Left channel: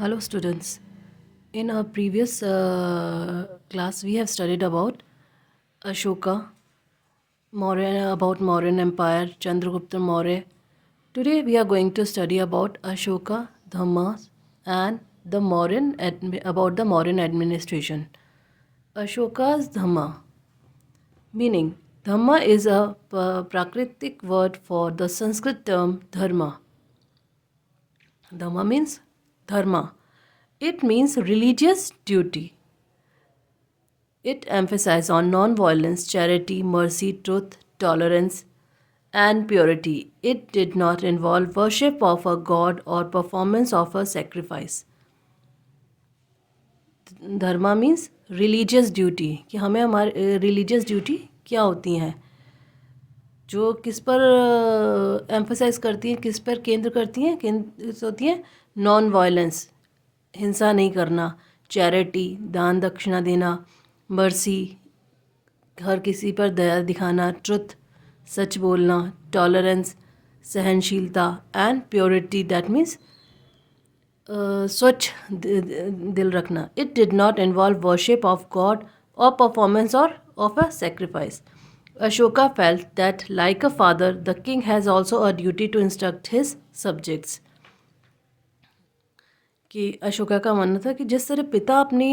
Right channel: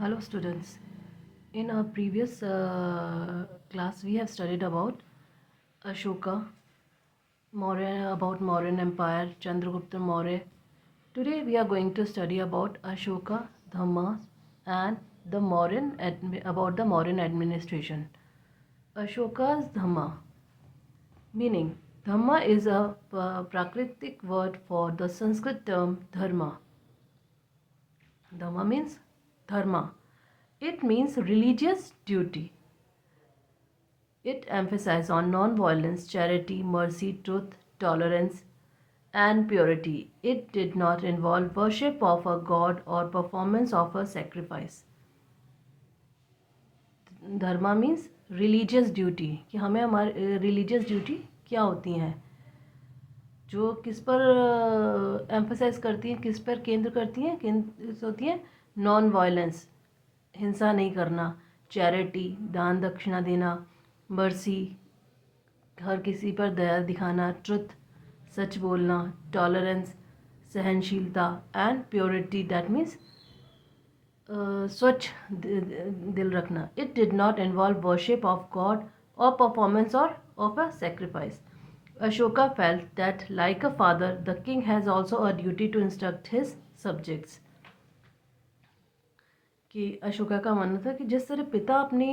Hello, students. In our previous class, we have studied about Ashoka, about Mauryan Empire, Chandragupta Maurya. Today, we are going to study about Ashoka, Dhamma, and about the Mauryan administration. Ashoka's Dhamma, meaning Dhamma is a Prakritic word for the Sanskrit term Dharma. Dhamma means Dharma. It means religious duty. It emphasizes on non-violence, charity, mercy, truth, tolerance, and purity. It did not involve worship of a god or performance of a sacrifice. Dharma means religious duty कि हमें हमारे religious duty क्या होती हैं जो किस पर emphasise करती हैं, किस पर केंद्र करती हैं, केंद्र होती हैं नॉन वायलेंस, हिंसा नहीं करना, चैरिटी, दान दक्षिणा देना, मर्सी, हर किसी पर दया दिखाना, ट्रुथ, सच बोलना, टॉलरेंस, सहनशीलता, एंड प्योरिटी दैट मीन्स स्वच्छ दिल रखना. It did not involve worship of God or performance or of a sacrifice. Ashoka felt that, like a father, the king has also a duty to instruct his subjects. कि अशोका का मानना था कि जिस तरह पिता अपनी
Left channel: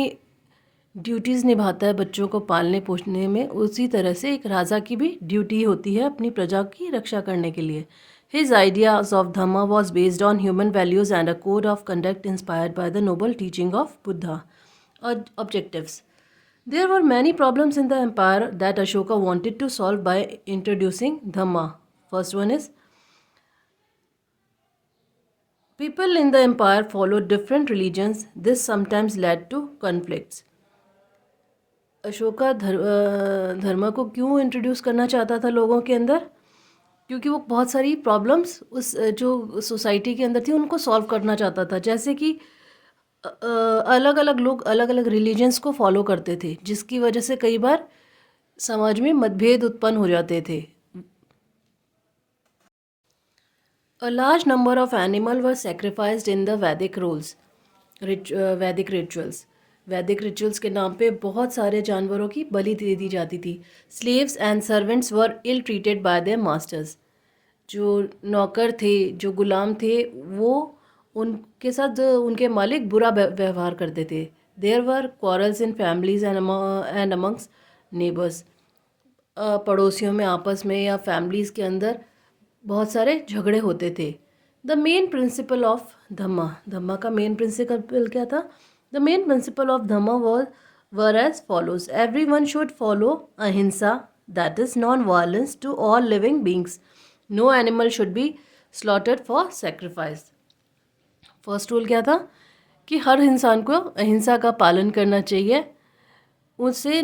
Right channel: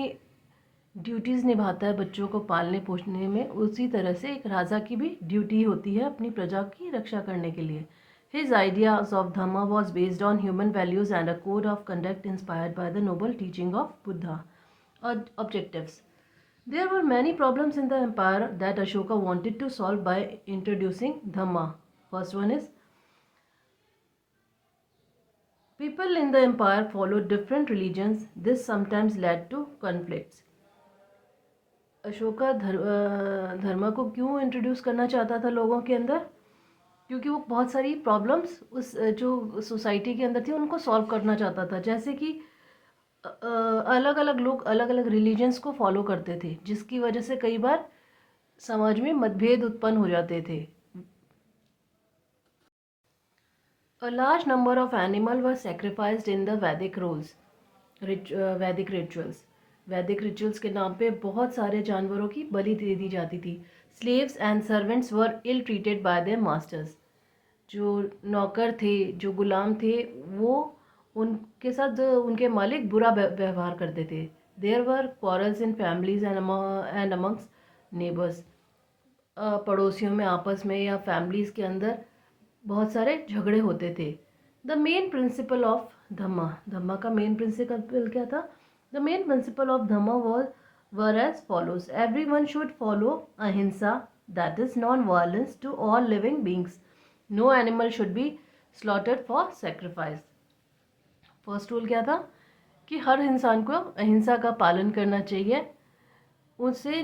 ड्यूटीज़ निभाता है बच्चों को पालने पोषने में, उसी तरह से एक राजा की भी ड्यूटी होती है अपनी प्रजा की रक्षा करने के लिए. His ideas of Dhamma was based on human values and a code of conduct inspired by the noble teaching of Buddha. Objectives. There were many problems in the empire that Ashoka wanted to solve by introducing Dhamma. First one is, people in the empire followed different religions. This sometimes led to conflicts. Ashoka धर्म को क्यों introduce करना चाहता था लोगों के अंदर? क्योंकि वो बहुत सारी प्रॉब्लम्स उस जो सोसाइटी के अंदर थी उनको सॉल्व करना चाहता था. जैसे कि अलग अलग लोग अलग अलग रिलीजन्स को फॉलो करते थे, जिसकी वजह से कई बार समाज में मतभेद उत्पन्न हो जाते थे. A large number of animals were sacrificed in the Vedic Vedic rituals. वैदिक रिचुअल्स के नाम पे बहुत सारे जानवरों की बलि दे दी जाती थी. Slaves and servants were ill treated by their masters. जो नौकर थे, जो गुलाम थे, वो उनके साथ उनके मालिक बुरा व्यवहार करते थे. There were quarrels in families and amongst neighbours. पड़ोसियों में आपस में या फैमिलीज़ के अंदर बहुत सारे झगड़े होते थे. The main principle of Dhamma का मेन प्रिंसिपल क्या था? The main principle of Dhamma were as follows. Every one should follow ahimsa, that is non violence to all living beings. No animal should be slaughtered for sacrifice. First rule क्या था? कि हर इंसान को अहिंसा का पालन करना चाहिए. उससे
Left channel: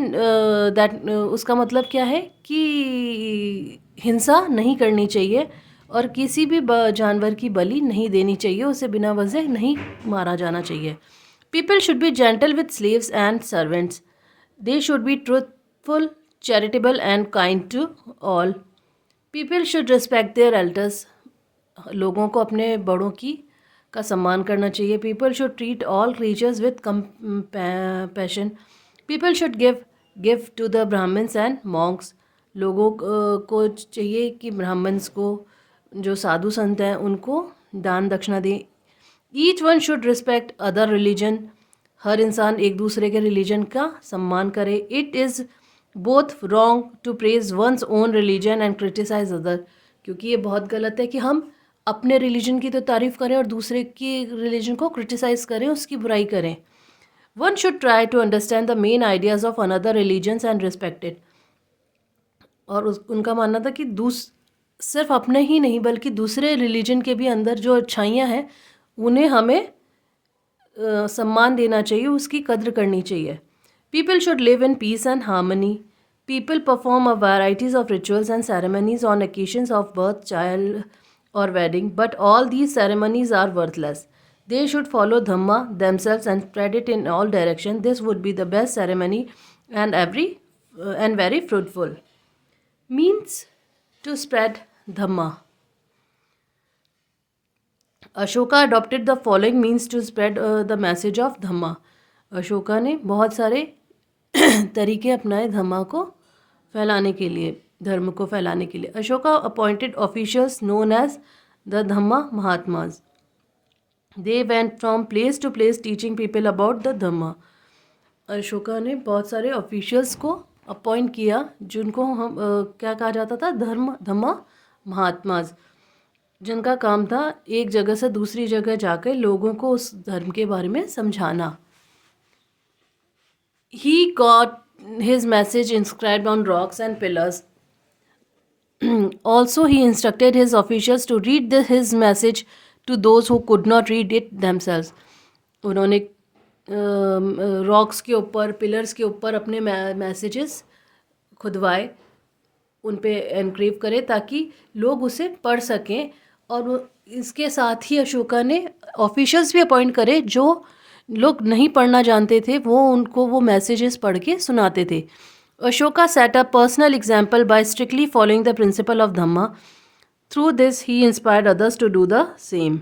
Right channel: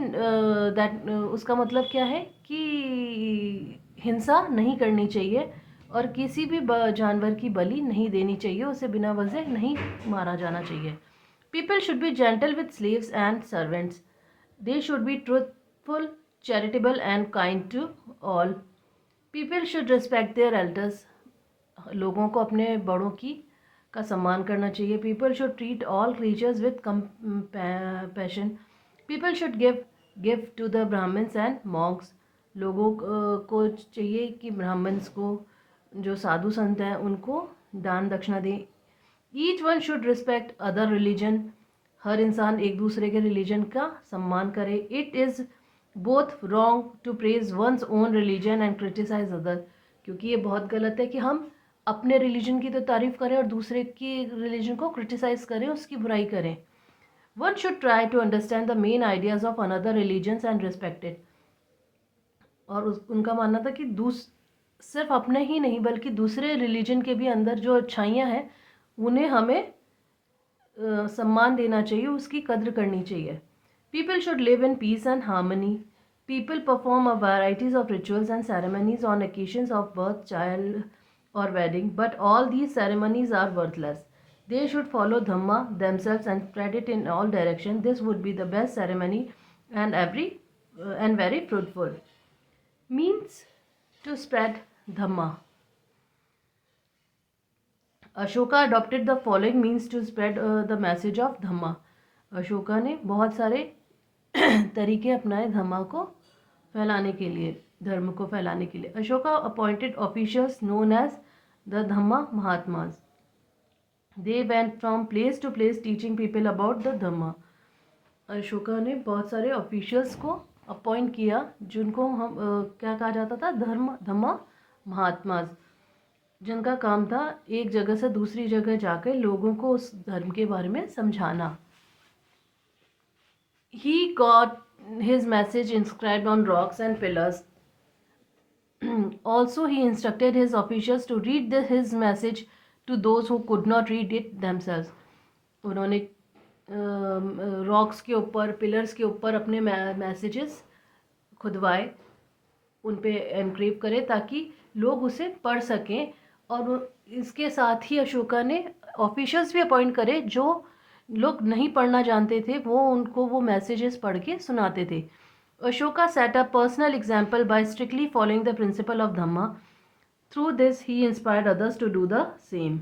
उसका मतलब क्या है कि हिंसा नहीं करनी चाहिए और किसी भी जानवर की बलि नहीं देनी चाहिए, उसे बिना वजह नहीं मारा जाना चाहिए. People should be gentle with slaves and servants. They should be truthful, charitable and kind to all. People should respect their elders. लोगों को अपने बड़ों की का सम्मान करना चाहिए. People should treat all creatures with compassion. People should give to the Brahmans and monks. लोगों को चाहिए कि ब्राह्मण्स को, जो साधु संत हैं, उनको दान दक्षिणा दें. Each one should respect other religion. हर इंसान एक दूसरे के रिलीजन का सम्मान करे. It is both wrong to praise one's own religion and criticise other. क्योंकि ये बहुत गलत है कि हम अपने रिलीजन की तो तारीफ़ करें और दूसरे की रिलीजन को क्रिटिसाइज़ करें, उसकी बुराई करें. One should try to understand the main ideas of another religions and respect it. और उनका मानना था कि सिर्फ अपने ही नहीं बल्कि दूसरे रिलीजन के भी अंदर जो अच्छाइयाँ हैं उन्हें हमें सम्मान देना चाहिए, उसकी कद्र करनी चाहिए. People should live in peace and harmony. People perform a varieties of rituals and ceremonies on occasions of birth, child or wedding, but all these ceremonies are worthless. They should follow Dhamma themselves and spread it in all directions. This would be the best ceremony and very fruitful. Means to spread Dhamma. Ashoka adopted the following means to spread the message of Dhamma. Ashoka ने बहुत सारे तरीके अपनाए धम्मा को फैलाने के लिए, धर्म को फैलाने के लिए। Ashoka appointed officials known as the Dhamma Mahatmas. They went from place to place teaching people about the Dhamma. Ashoka ने बहुत सारे ऑफिशियल्स को अपॉइंट किया जिनको हम क्या कहा जाता था, धम्मा महात्माज, जिनका काम था एक जगह से दूसरी जगह जाकर लोगों को उस धर्म के बारे में समझाना। He got his message inscribed on rocks and pillars. Also, he instructed his officials to read his message to those who could not read it themselves. उन्होंने रॉक्स के ऊपर, पिलर्स के ऊपर अपने मैसेजेस खुदवाए, उन पे एनक्रेव करे ताकि लोग उसे पढ़ सकें। और इसके साथ ही अशोका ने ऑफिशियल्स भी अपॉइंट करे जो लोग नहीं पढ़ना जानते थे, वो उनको वो मैसेजेस पढ़ के सुनाते थे। Ashoka set a personal example by strictly following the principle of Dhamma. Through this he inspired others to do the same.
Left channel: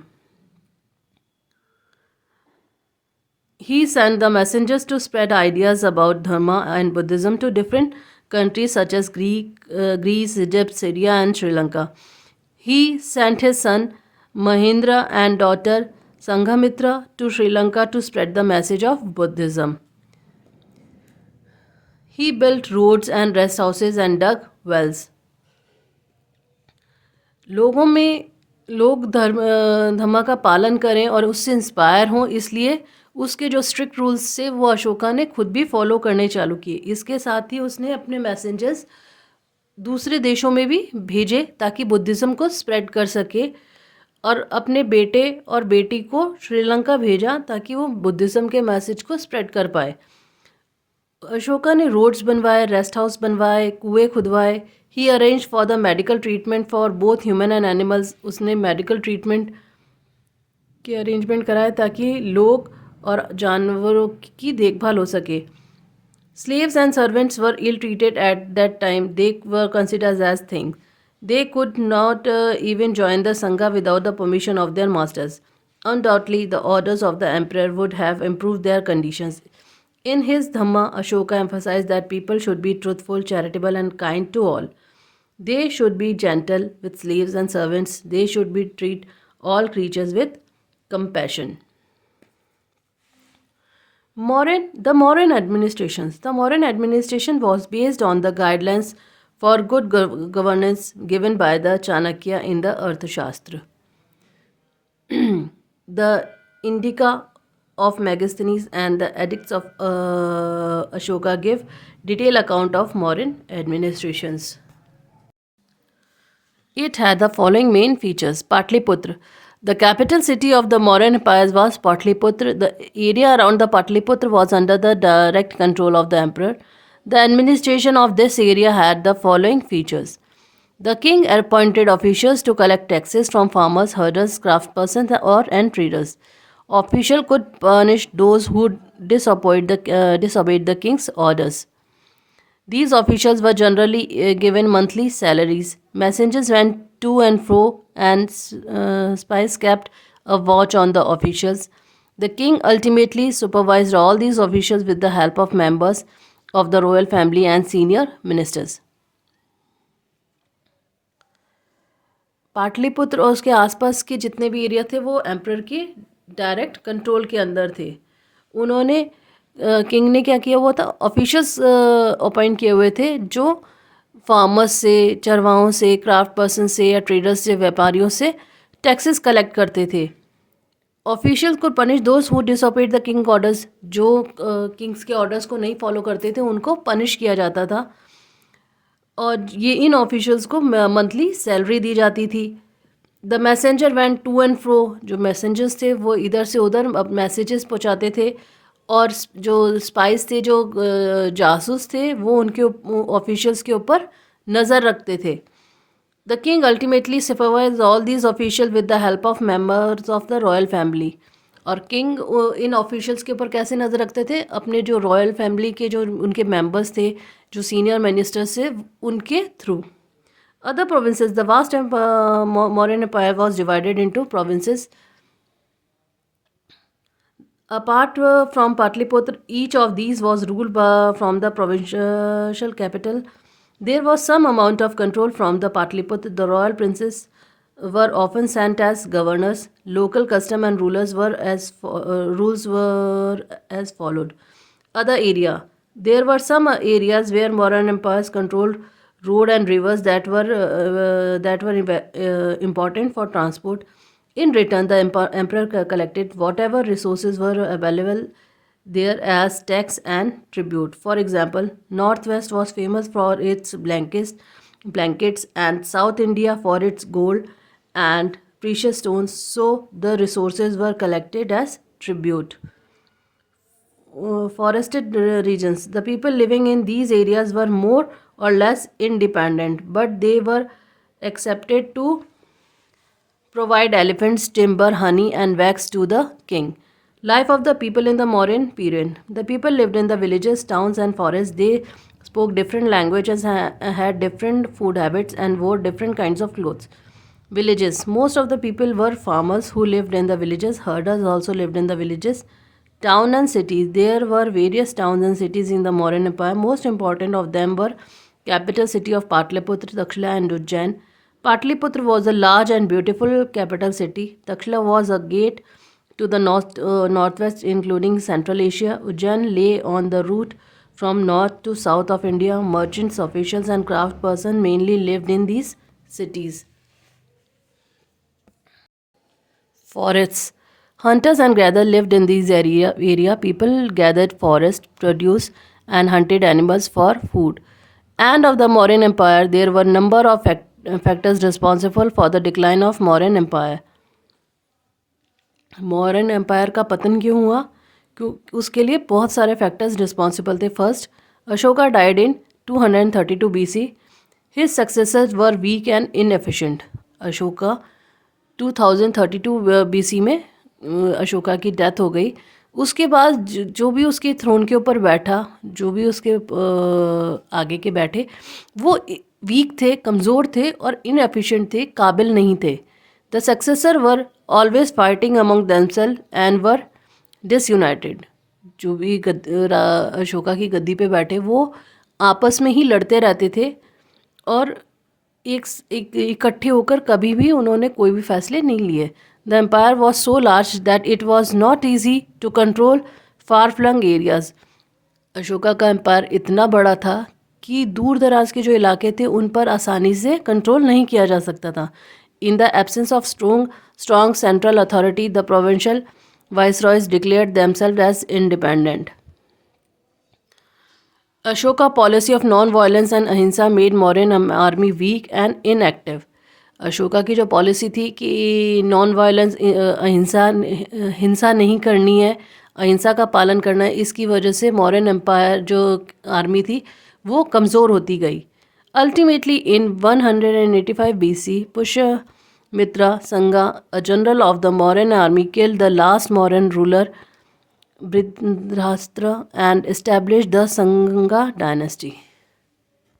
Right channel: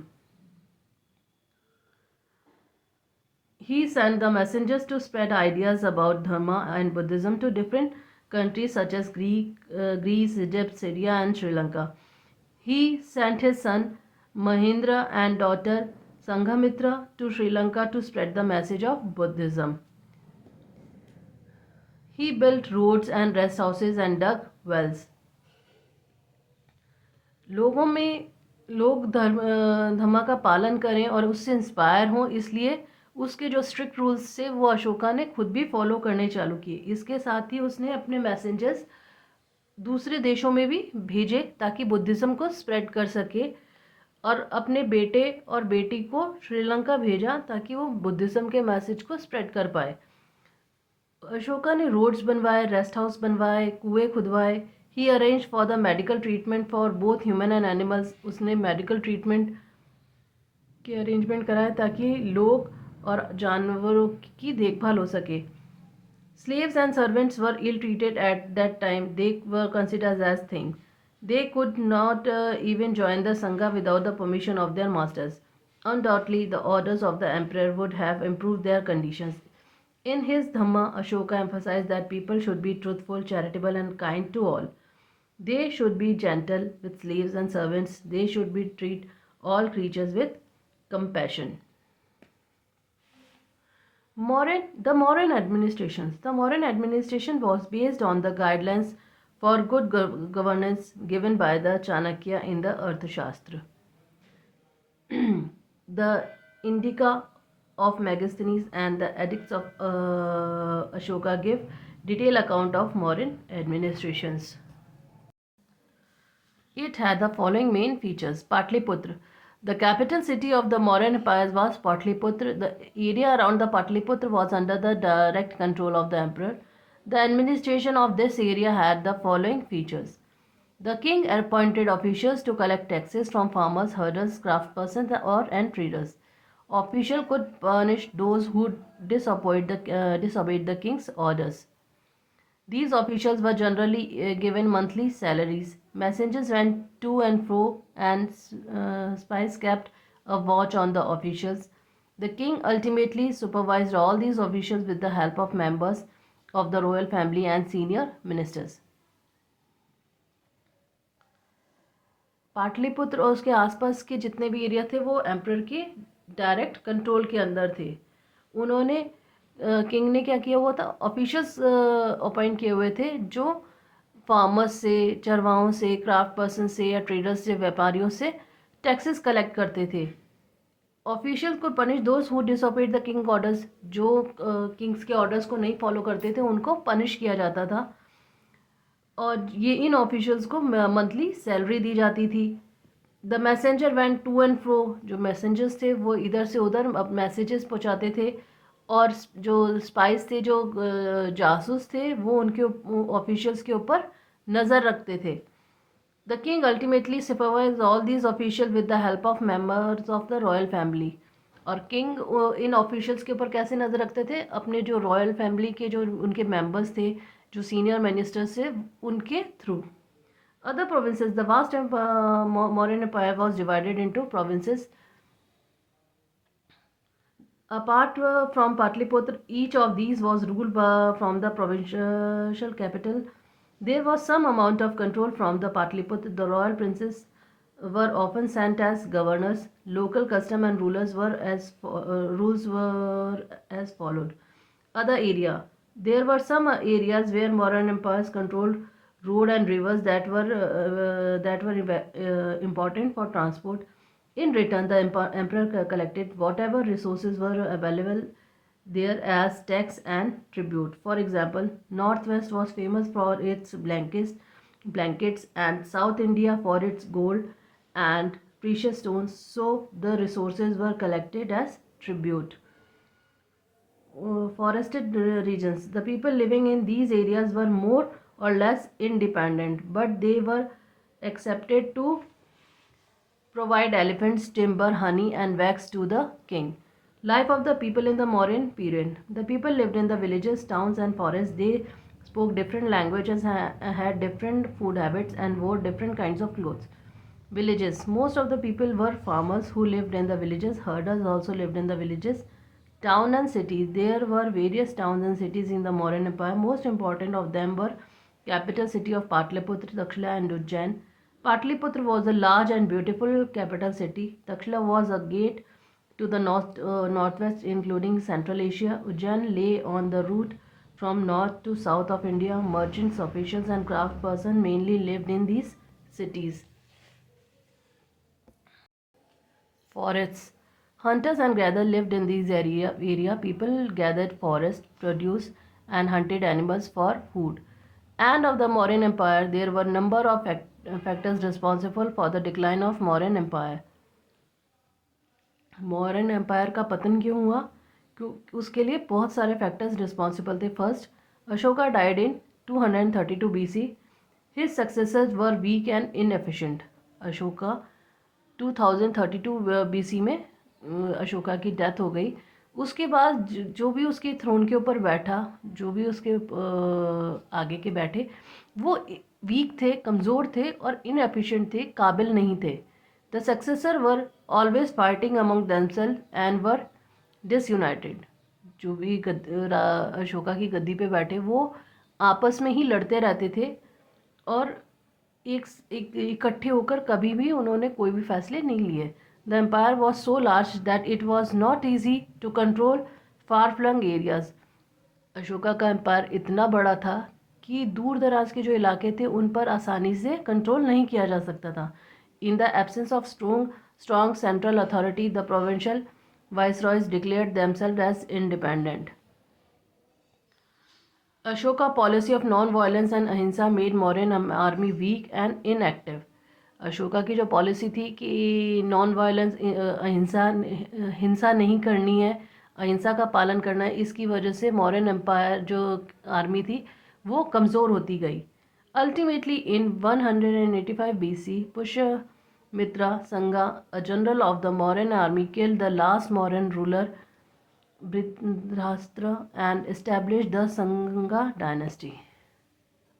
He sent the messengers to spread ideas about Dharma and Buddhism to different countries such as Greece, Egypt, Syria, and Sri Lanka. He sent his son Mahendra and daughter Sanghamitra to Sri Lanka to spread the message of Buddhism. He built roads and rest houses and dug wells. लोगों में लोग धम्मा का पालन करें और उससे inspire हों, इसलिए उसके जो स्ट्रिक्ट रूल्स थे वो अशोका ने खुद भी फॉलो करने चालू किए। इसके साथ ही उसने अपने मैसेंजर्स दूसरे देशों में भी भेजे ताकि बुद्धिज़्म को स्प्रेड कर सके, और अपने बेटे और बेटी को श्रीलंका भेजा ताकि वो बुद्धिज़्म के मैसेज को स्प्रेड कर पाए। अशोका ने रोड्स बनवाए, रेस्ट हाउस बनवाए, कुएं खुदवाए। He arrange for the medical treatment for both human and animals. उसने मेडिकल ट्रीटमेंट के अरेंजमेंट कराए ताकि लोग और जानवरों की देखभाल हो सके। Slaves and servants were ill-treated at that time. They were considered as things. They could not even join the Sangha without the permission of their masters. Undoubtedly, the orders of the emperor would have improved their conditions. In his Dhamma, Ashoka emphasized that people should be truthful, charitable, and kind to all. They should be gentle with slaves and servants. They should treat all creatures with compassion. The Mauryan administration. The Mauryan administration was based on the guidelines for good governance given by the Chanakya in the Arthashastra. The Indica of Megasthenes and the edicts of Ashoka give detailed account of Mauryan administrations. It had the following main features. Patliputra. The capital city of the Mauryan Empire was Patliputra. The area around the Patliputra was under the direct control of the emperor. The administration of this area had the following features. The king appointed officials to collect taxes from farmers, herders, craftspersons, and traders. Officials could punish those who disobeyed the king's orders. These officials were generally given monthly salaries. Messengers went to and fro, and spies kept a watch on the officials. The king ultimately supervised all these officials with the help of members of the royal family and senior ministers. Pataliputra और उसके आसपास के जितने भी area थे वो emperor के direct control के अंदर थे। उन्होंने किंग ने क्या किया हुआ था, ऑफिशियल्स अपॉइंट किए हुए थे जो फार्मर्स से, चरवाहों से, क्राफ्ट पर्सन से या ट्रेडर्स से, व्यापारियों से टैक्सेस कलेक्ट करते थे। ऑफिशियल्स को punish those who disobeyed the king orders. जो किंग्स के ऑर्डर्स को नहीं फॉलो करते थे उनको पनिश किया जाता था, और ये इन ऑफिशियल्स को मंथली सैलरी दी जाती थी। The messenger went to and fro. जो मैसेंजर्स थे वो इधर से उधर मैसेजेस पहुँचाते थे, और जो स्पाइस थे, जो जासूस थे, वो उनके ऑफिशियल्स के ऊपर नज़र रखते थे। The king ultimately supervise all these official with the help of members of the royal family. और किंग इन ऑफिशियल्स के ऊपर कैसे नज़र रखते थे, अपने जो रॉयल फैमिली के जो उनके मेंबर्स थे, जो सीनियर मिनिस्टर्स थे, उनके through. Other provinces. The vast Mauryan Empire was divided into provinces Apart from Patliputra, each of these was ruled from the provincial capital. There was some amount of control from the Patliputra. The royal princes were often sent as governors. Local custom and rules were as followed. Other area. There were some areas where Mauryan empires controlled road and rivers that were important for transport. In return, the emperor collected whatever resources were available there as tax and tribute. For example, Northwest was famous for its blankets, and South India for its gold and precious stones. So the resources were collected as tribute. Forested regions. The people living in these areas were more or less independent, but they were accepted to provide elephants, timber, honey, and wax to the king. Life of the people in the Mauryan period. The people lived in the villages, towns, and forests. They spoke different languages, had different food habits, and wore different kinds of clothes. Villages. Most of the people were farmers who lived in the villages. Herders also lived in the villages. Town and cities. There were various towns and cities in the Mauryan Empire. Most important of them were capital city of Patliputra, Takshila, and Ujjain. Patliputra was a large and beautiful capital city. Takshila was a gate to the northwest, including Central Asia. Ujjain lay on the route from north to south of India. Merchants, officials, and craftspersons mainly lived in these cities. Forests. Hunters and gatherers lived in these area. People gathered forest produce and hunted animals for food. And of the Mauryan Empire, there were number of factors responsible for the decline of Mauryan Empire. Mauryan empire का पतन क्यों हुआ? क्यों उसके लिए बहुत सारे factors responsible थे. First, Ashoka died in 232 BC. His successors were weak and inefficient. Ashoka 2032 BC में अशोका की डेथ हो गई. उसके बाद जो भी उसके थ्रोन के ऊपर बैठा, जो भी उसके आगे के बैठे, वो वीक थे, कमज़ोर थे और इनएफिशिएंट थे, काबिल नहीं थे. The successor were always fighting among themselves and were disunited. जो भी अशोका की गद्दी पे बैठे वो आपस में ही लड़ते रहते थे और एक इकट्ठे होकर कभी भी उन्होंने कोई भी फैसले नहीं लिए. The empire was so large that it was not easy to control far flung areas. Ashoka का एम्पायर इतना बड़ा था कि दूर दराज के जो इलाके थे उन पर आसानी से कंट्रोल नहीं किया जा सकता था. In the absence of strong central authority, the provincial viceroys declared themselves as independent. Ashoka policy of non-violence and ahimsa made Mauryan army weak and inactive. Ashoka की जो पॉलिसी थी कि नॉन वायलेंस हिंसा नहीं करनी है, अहिंसा का पालन करना है, इसकी वजह से मौर्यन एम्पायर जो आर्मी थी वो कमज़ोर होती गई. Ultimately, in 185 BC, Pushyamitra Sangha, a general of the Mauryan army, killed the last Mauryan ruler, Britrashtra, and established the Sangha dynasty.